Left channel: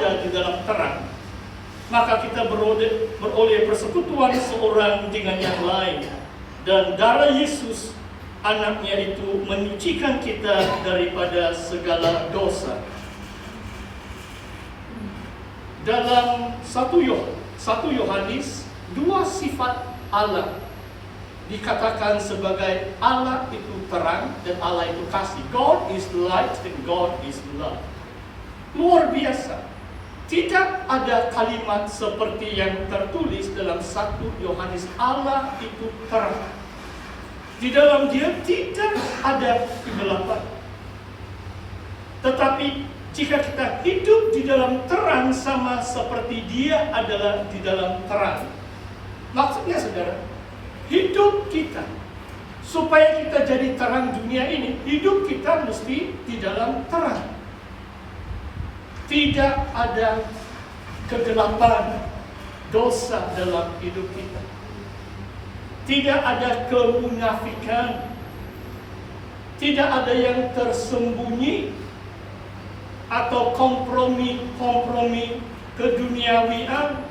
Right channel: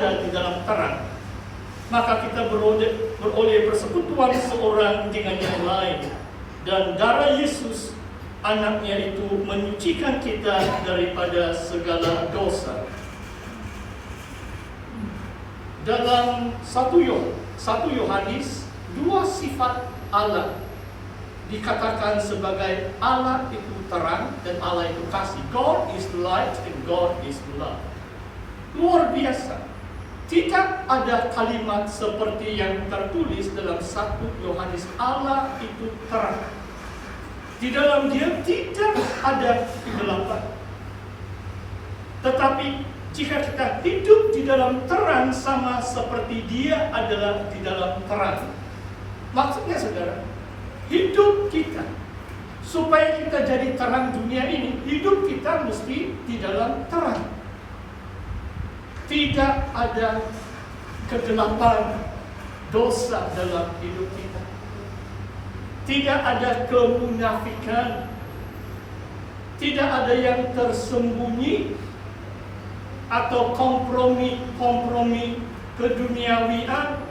ada di dalam terang, maka kita beroleh persekutuan seorang dengan yang lain. Dan darah Yesus, anaknya itu menyucikan kita daripada segala dosa. Dalam 1 Yohanes, dua sifat Allah dikatakan sebagai Allah itu terang dan Allah itu kasih. God is light and God is love. Luar biasa. Tidak ada kalimat seperti yang tertulis dalam 1 Yohanes, Allah itu terang. Di dalam dia tidak ada kegelapan. Tetapi jika kita hidup di dalam terang sama seperti dia adalah di dalam terang. Maksudnya saudara, hidup kita supaya kita jadi terang dunia ini, hidup kita mesti di dalam terang. Tidak ada kegelapan, dosa dalam hidup kita. Tidak ada kemunafikan. Tidak ada yang tersembunyi atau kompromi keduniawian.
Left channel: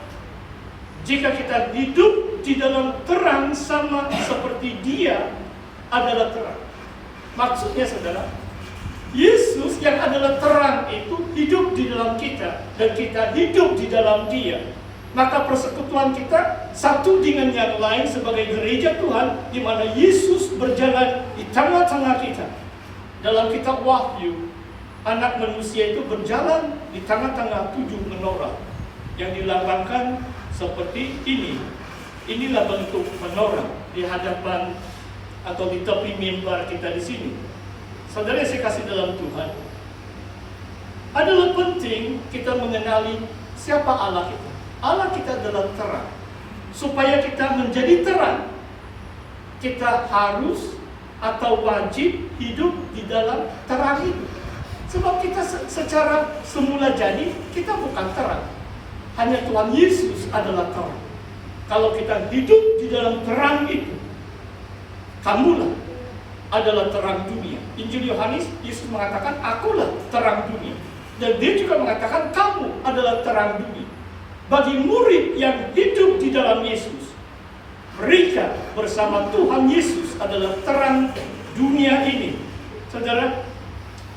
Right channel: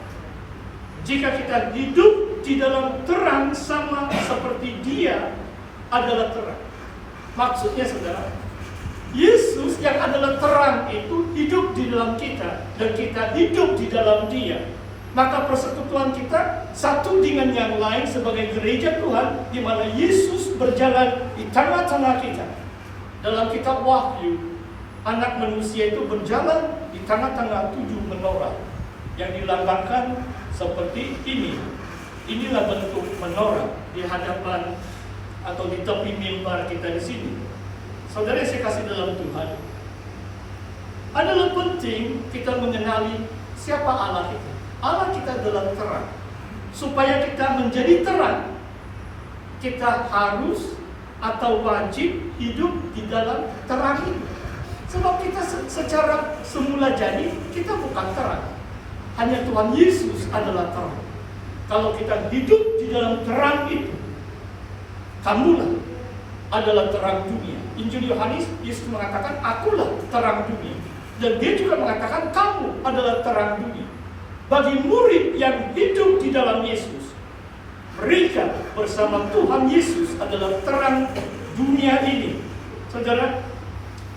Jika kita hidup di dalam terang sama seperti dia adalah terang. Maksudnya saudara, Yesus yang adalah terang itu hidup di dalam kita dan kita hidup di dalam dia. Maka persekutuan kita satu dengan yang lain sebagai gereja Tuhan, di mana Yesus berjalan di tengah-tengah kita. Dalam kitab Wahyu, Anak manusia itu berjalan di tengah-tengah 7 menorah yang dilambangkan seperti ini. Inilah bentuk menorah di hadapan atau di tepi mimbar kita di sini. Saudara yang saya kasih dalam Tuhan, adalah penting kita mengenali siapa Allah kita. Allah kita adalah terang. Supaya kita menjadi terang, kita harus atau wajib hidup di dalam terang itu. Sebab kita secara semula jadi, kita bukan terang. Hanya Tuhan Yesus adalah terang. Kalau kita hidup di dalam terang itu, kamulah adalah terang dunia. Injil Yohanes, Yesus mengatakan, akulah terang dunia. Dan dia juga mengatakan, kamu adalah terang dunia. Bagi murid yang hidup di dalam Yesus, mereka bersama Tuhan Yesus adalah terang dunia ini. Saudara,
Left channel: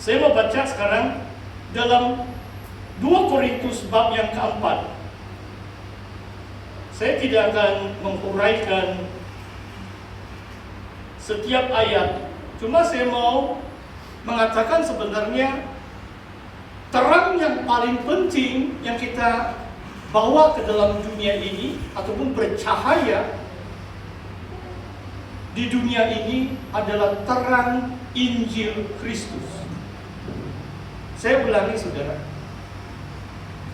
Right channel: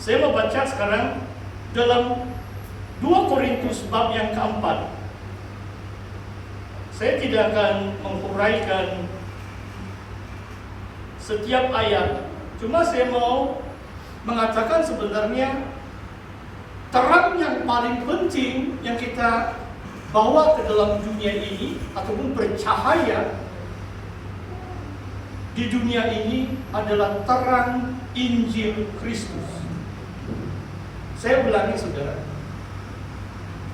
saya mau baca sekarang dalam 2 Korintus bab yang keempat. Saya tidak akan menguraikan setiap ayat. Cuma saya mau mengatakan sebenarnya terang yang paling penting yang kita bawa ke dalam dunia ini ataupun bercahaya di dunia ini adalah terang Injil Kristus. Saya ulangi saudara,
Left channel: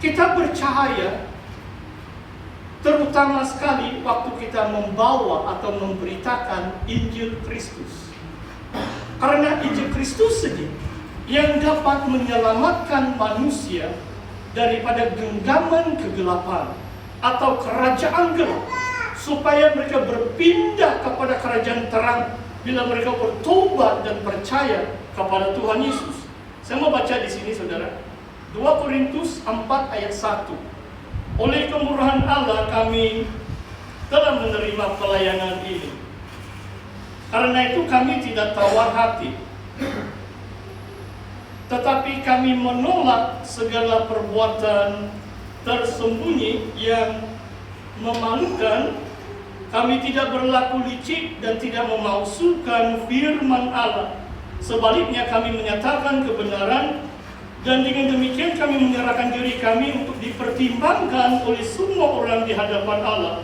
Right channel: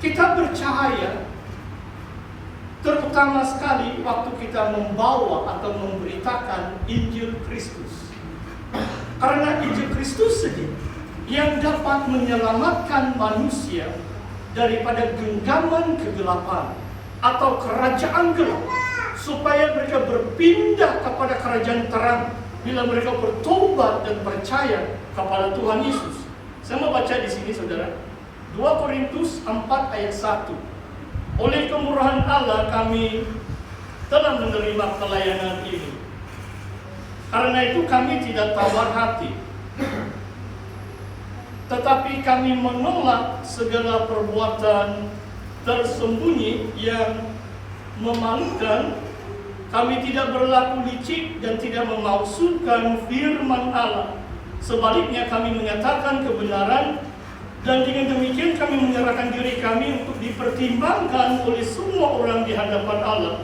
kita bercahaya terutama sekali waktu kita membawa atau memberitakan Injil Kristus. Karena Injil Kristus sendiri yang dapat menyelamatkan manusia daripada genggaman kegelapan atau kerajaan gelap, supaya mereka berpindah kepada kerajaan terang bila mereka bertobat dan percaya kepada Tuhan Yesus. Saya mau baca di sini saudara, 2 Korintus 4 ayat 1. Oleh kemurahan Allah kami telah menerima pelayanan ini. Karena itu kami tidak tawar hati, tetapi kami menolak segala perbuatan tersembunyi yang memalukan. Kami tidak berlaku licik dan tidak memalsukan firman Allah. Sebaliknya kami menyatakan kebenaran, dan dengan demikian kami menyerahkan diri kami untuk dipertimbangkan oleh semua orang di hadapan Allah.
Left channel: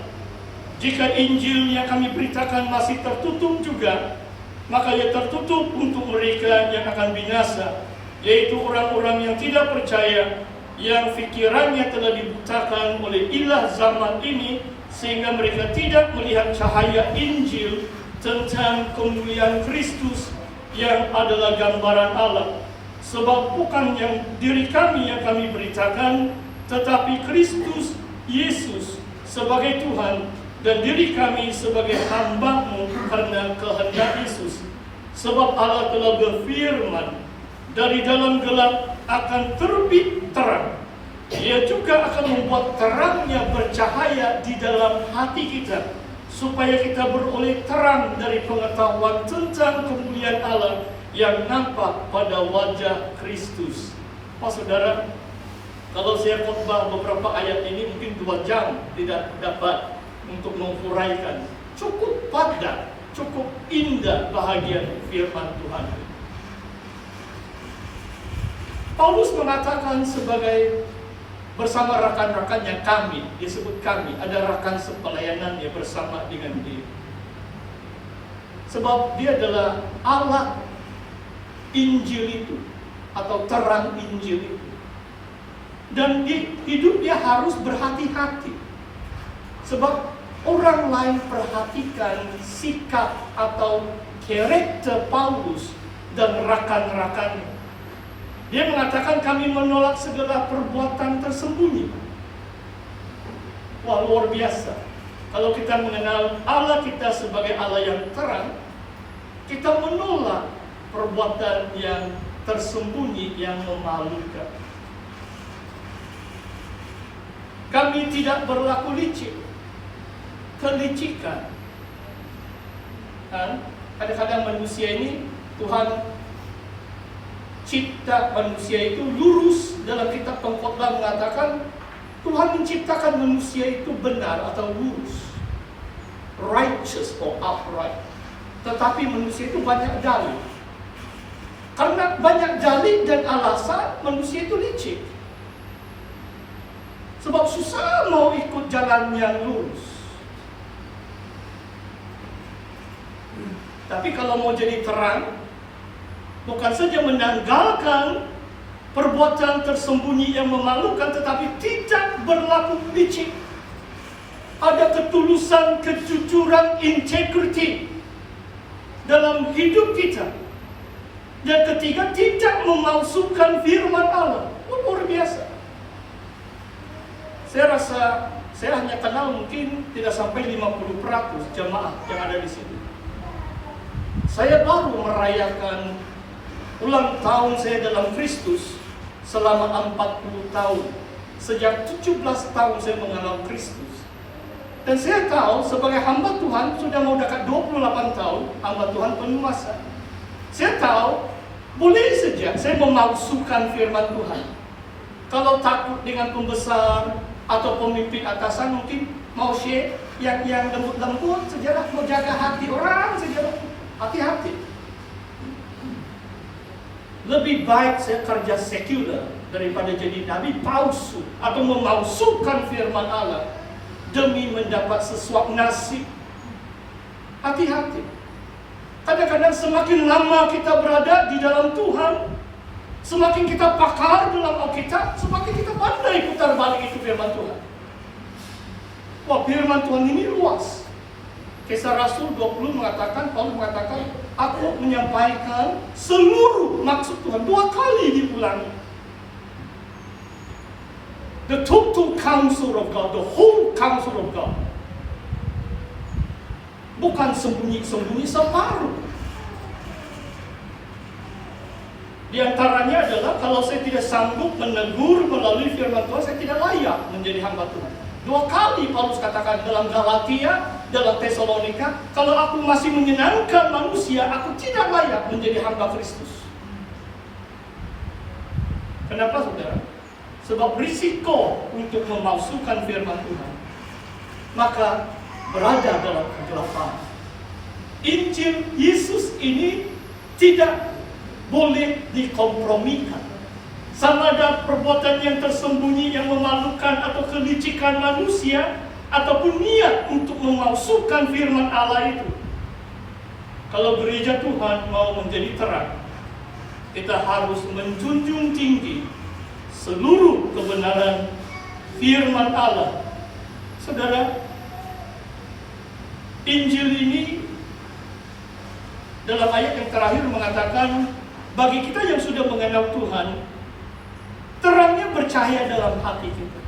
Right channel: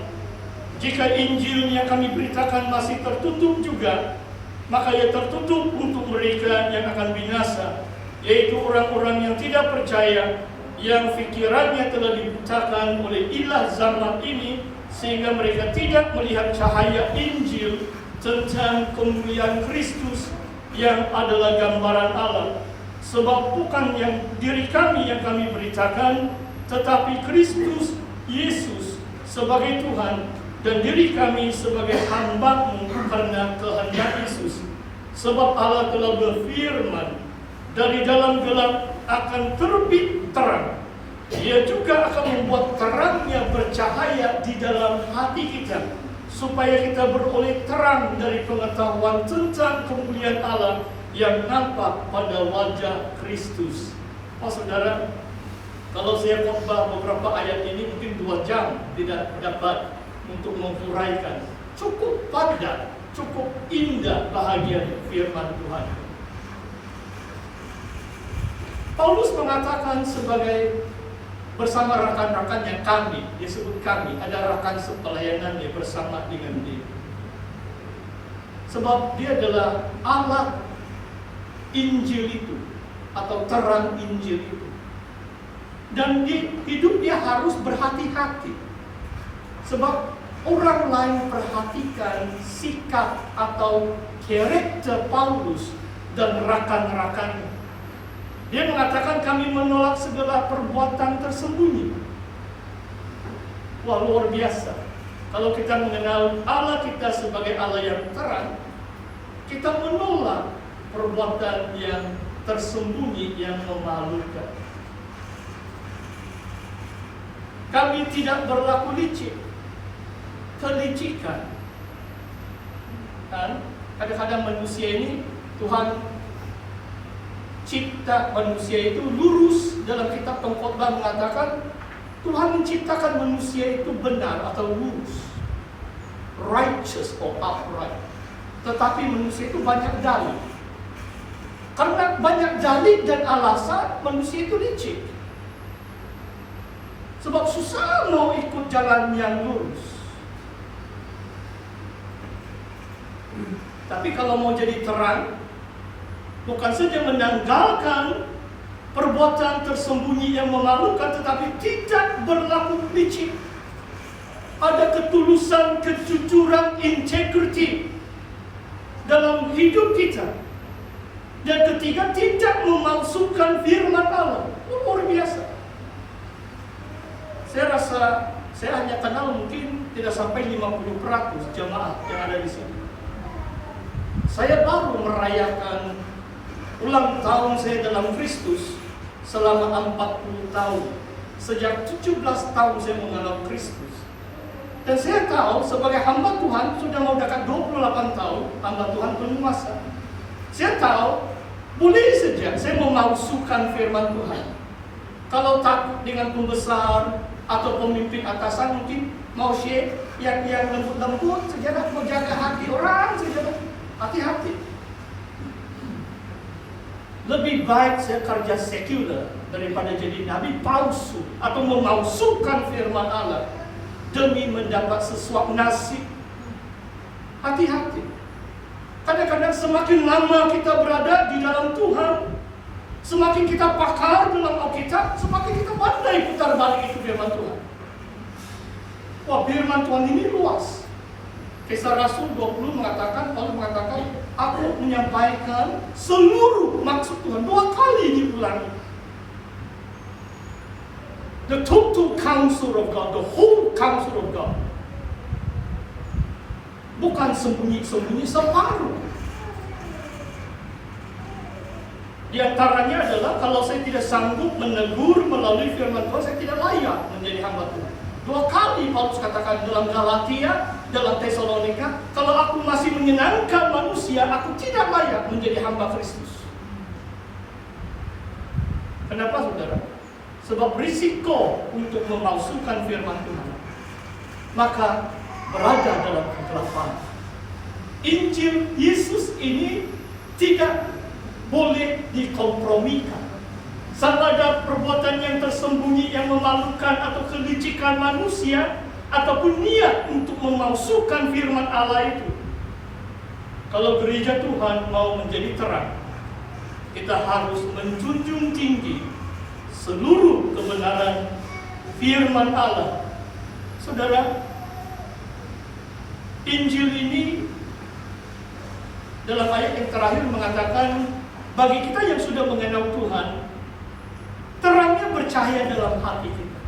Jika Injil yang kami beritakan masih tertutup juga, maka ia tertutup untuk mereka yang akan binasa, yaitu orang-orang yang tidak percaya, yang fikirannya telah dibutakan oleh ilah zaman ini, sehingga mereka tidak melihat cahaya Injil tentang kemuliaan Kristus yang adalah gambaran Allah. Sebab bukan yang diri kami yang kami beritakan, tetapi Kristus Yesus sebagai Tuhan, dan diri kami sebagai hamba-Mu karena kehendak Yesus. Sebab Allah telah berfirman, dari dalam gelap akan terbit terang, Dia juga akan membuat terangnya bercahaya di dalam hati kita, supaya kita beroleh terang dari pengetahuan tentang kemuliaan Allah yang nampak pada wajah Kristus. Oh saudara, kalau saya khotbah beberapa ayat ini mungkin 2 jam tidak dapat untuk menguraikan. Cukup padat, cukup indah bahagia firman Tuhan. Paulus mengatakan sebagai bersama rekan-rekannya, kami, disebut kami, ada rekan sepelayanannya bersama dengan dia. Sebab dia adalah Allah Injil itu, atau terang Injil itu. Dan di hidup dia harus berhati-hati. Sebab orang lain perhatikan sikap atau karakter Paulus dan rekan-rekannya. Dia mengatakan kami menolak segala perbuatan tersembunyi. Wah, luar biasa. Kalau kita mengenal Allah kita sebagai Allah yang terang, kita menolak perbuatan yang tersembunyi yang memalukan. Kami tidak berlaku licik. Kelicikan. Kadang-kadang manusia ini, Tuhan cipta manusia itu lurus. Dalam kitab Pengkhotbah mengatakan Tuhan menciptakan manusia itu benar atau lurus, righteous or upright. Tetapi manusia itu banyak dalih. Karena banyak dalih dan alasan, manusia itu licik. Sebab susah mau ikut jalan yang lurus. Tapi kalau mau jadi terang, bukan saja menanggalkan perbuatan tersembunyi yang memalukan, tetapi tidak berlaku licik. Ada ketulusan, kejujuran, integrity dalam hidup kita. Dan ketiga, tidak memalsukan firman Allah. Luar biasa. Saya rasa saya hanya kenal mungkin tidak sampai 50% jemaah yang ada di sini. Saya baru merayakan ulang tahun saya dalam Kristus selama 40 tahun. Sejak 17 tahun saya mengenal Kristus. Dan saya tahu sebagai hamba Tuhan sudah mau dekat 28 tahun, hamba Tuhan penuh masa. Saya tahu boleh saja saya memalsukan firman Tuhan. Kalau takut dengan pembesar atau pemimpin atasan, mungkin mau share yang lembut-lembut saja, mau jaga hati orang saja. Hati-hati. Lebih baik saya kerja sekuler daripada jadi nabi palsu atau memalsukan firman Allah demi mendapat sesuap nasib. Hati-hati. Kadang-kadang semakin lama kita berada di dalam Tuhan, semakin kita pakar dalam Alkitab, semakin kita pandai putar balik itu firman Tuhan. Wah, firman Tuhan ini luas. Kisah Rasul 20 mengatakan, Paulus mengatakan, aku menyampaikan seluruh maksud Tuhan. 2 kali diulangi. The total counsel of God, the whole counsel of God. Bukan sembunyi-sembunyi separuh. Di antaranya adalah kalau saya tidak sanggup menegur melalui firman Tuhan, saya tidak layak menjadi hamba Tuhan. 2 kali Paulus katakan dalam Galatia, dalam Tesalonika, kalau aku masih menyenangkan manusia, aku tidak layak menjadi hamba Kristus. Kenapa saudara? Sebab risiko untuk memalsukan firman Tuhan, maka berada dalam kegelapan. Injil Yesus ini tidak boleh dikompromikan. Sama ada perbuatan yang tersembunyi yang memalukan atau kelicikan manusia, ataupun niat untuk memalsukan firman Allah itu. Kalau gereja Tuhan mau menjadi terang, kita harus menjunjung tinggi seluruh kebenaran firman Allah. Saudara, Injil ini dalam ayat yang terakhir mengatakan, bagi kita yang sudah mengenal Tuhan, terangnya bercahaya dalam hati kita.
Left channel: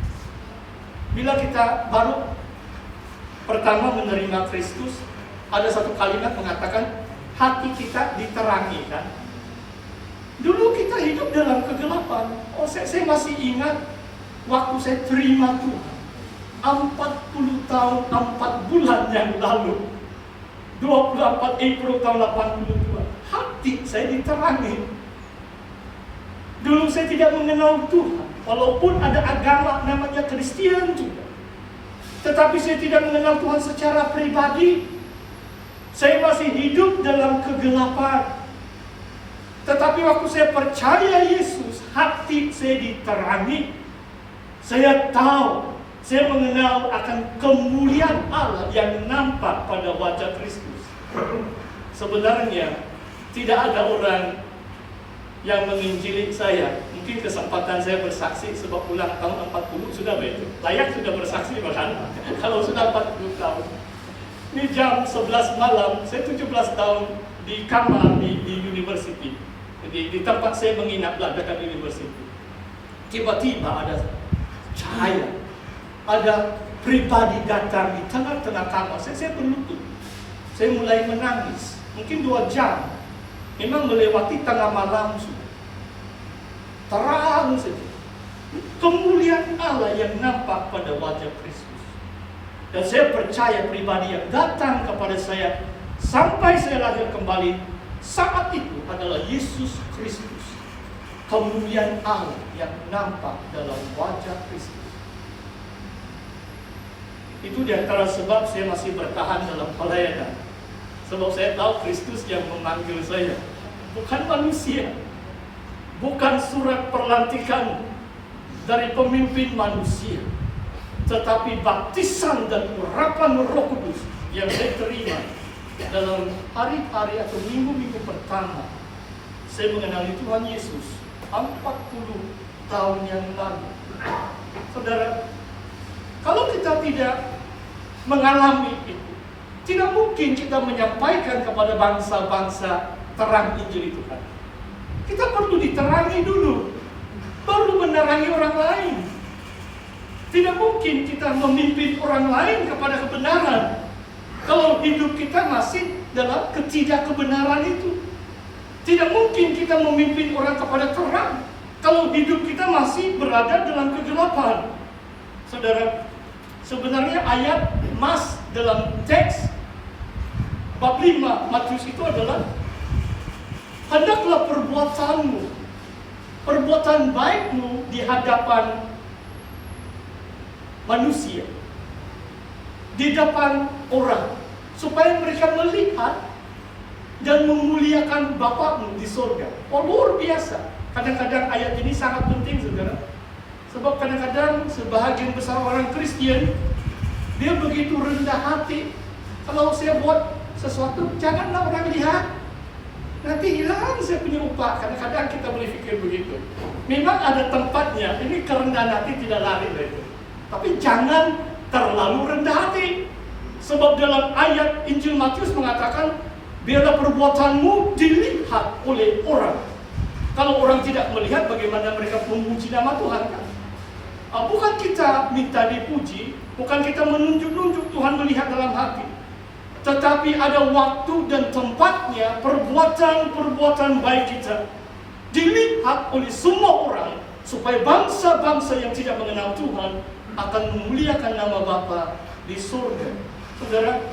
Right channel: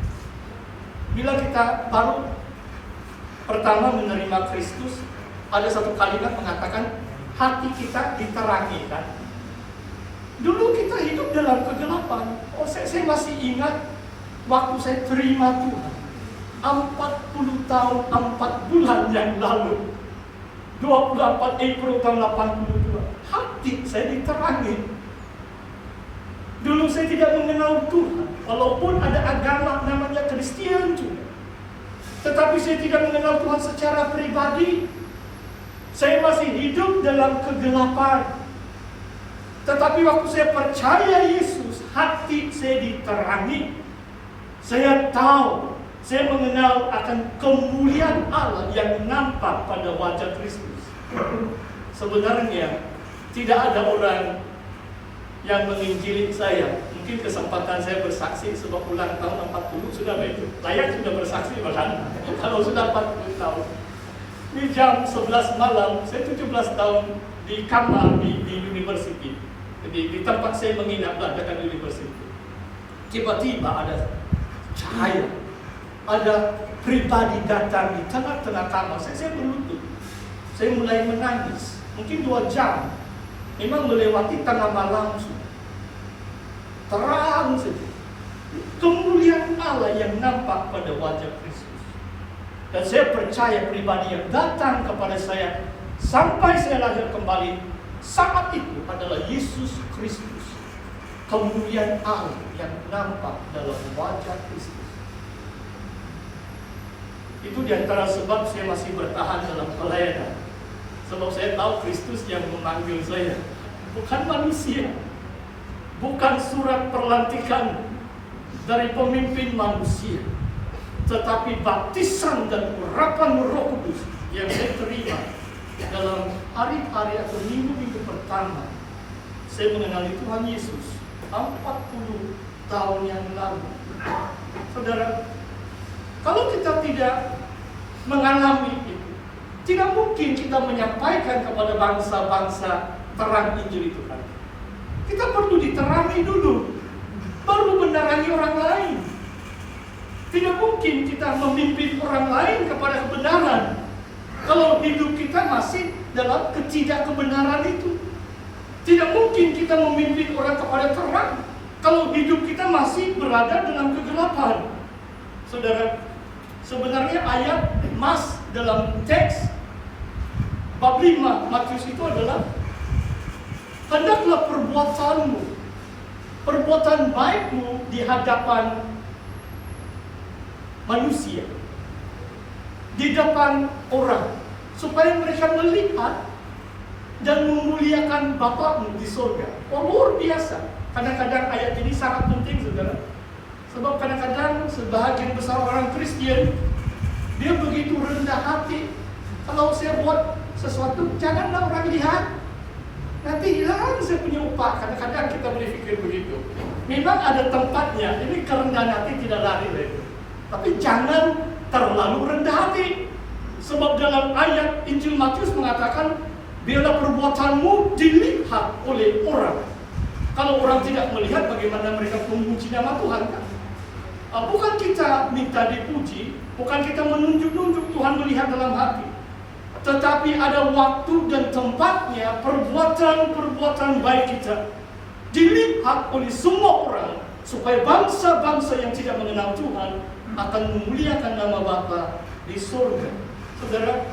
Bila kita baru pertama menerima Kristus, ada satu kalimat mengatakan hati kita diterangi, kan? Dulu kita hidup dalam kegelapan. Saya masih ingat waktu saya terima Tuhan 40 tahun 4 bulan yang lalu, 24 April tahun 82, hati saya diterangi. Dulu saya tidak mengenal Tuhan, walaupun ada agama namanya Kristen juga. Tetapi saya tidak mengenal Tuhan secara pribadi. Saya masih hidup dalam kegelapan. Tetapi waktu saya percaya Yesus, hati saya diterangi. Saya tahu, saya mengenal akan kemuliaan Allah yang nampak pada wajah Kristus. Sebenarnya tidak ada orang yang menginjili saya. Mungkin kesempatan saya bersaksi sebab ulang tahun 40 sudah baik. Layak sudah bersaksi malah. Kalau sudah 40 tahun. Ini jam 11 malam, saya 17 tahun di kamar di university. Jadi di tempat saya menginap lah dekat university. Tiba-tiba ada cahaya. Ada pribadi datang di tengah-tengah kamar. Saya berlutut. Saya mulai menangis. Mungkin 2 jam. Memang melewati tengah malam sudah. Terang saja. Kemuliaan Allah yang nampak pada wajah Kristus. Dan saya percaya pribadi yang datang kepada saya sampai saya lahir kembali saat itu adalah Yesus Kristus. Kemuliaan Allah yang nampak dalam wajah Kristus. Itu diantara sebab saya masih bertahan dalam pelayanan. Sebab saya tahu Kristus yang memanggil saya, bukan manusia. Bukan surat perlantikan dari pemimpin manusia, tetapi baptisan dan urapan Roh Kudus yang saya terima dalam hari-hari atau minggu-minggu pertama saya mengenali Tuhan Yesus 40 tahun yang lalu. Saudara, kalau kita tidak mengalami itu, tidak mungkin kita menyampaikan kepada bangsa-bangsa terang Injil Tuhan. Kita perlu diterangi dulu, baru menerangi orang lain. Tidak mungkin kita memimpin orang lain kepada kebenaran kalau hidup kita masih dalam ketidakkebenaran itu. Tidak mungkin kita memimpin orang kepada terang kalau hidup kita masih berada dalam kegelapan. Saudara, sebenarnya ayat mas dalam teks bab 5 Matius itu adalah hendaklah perbuatan baikmu di hadapan manusia, di depan orang, supaya mereka melihat dan memuliakan Bapakmu di surga. Oh, luar biasa. Kadang-kadang ayat ini sangat penting, saudara. Sebab kadang-kadang sebahagian besar orang Kristen, dia begitu rendah hati. Kalau saya buat sesuatu, janganlah orang lihat. Nanti hilang saya punya upah. Kadang-kadang kita boleh pikir begitu. Memang ada tempatnya. Ini kerendahan hati tidak lari dari itu. Tapi jangan terlalu rendah hati. Sebab dalam ayat Injil Matius mengatakan, biarlah perbuatanmu dilihat oleh orang. Kalau orang tidak melihat, bagaimana mereka memuji nama Tuhan kan? Bukan kita minta dipuji, bukan kita menunjuk-nunjuk, Tuhan melihat dalam hati. Tetapi ada waktu dan tempatnya perbuatan-perbuatan baik kita dilihat oleh semua orang, supaya bangsa-bangsa yang tidak mengenal Tuhan akan memuliakan nama Bapa di surga. Saudara,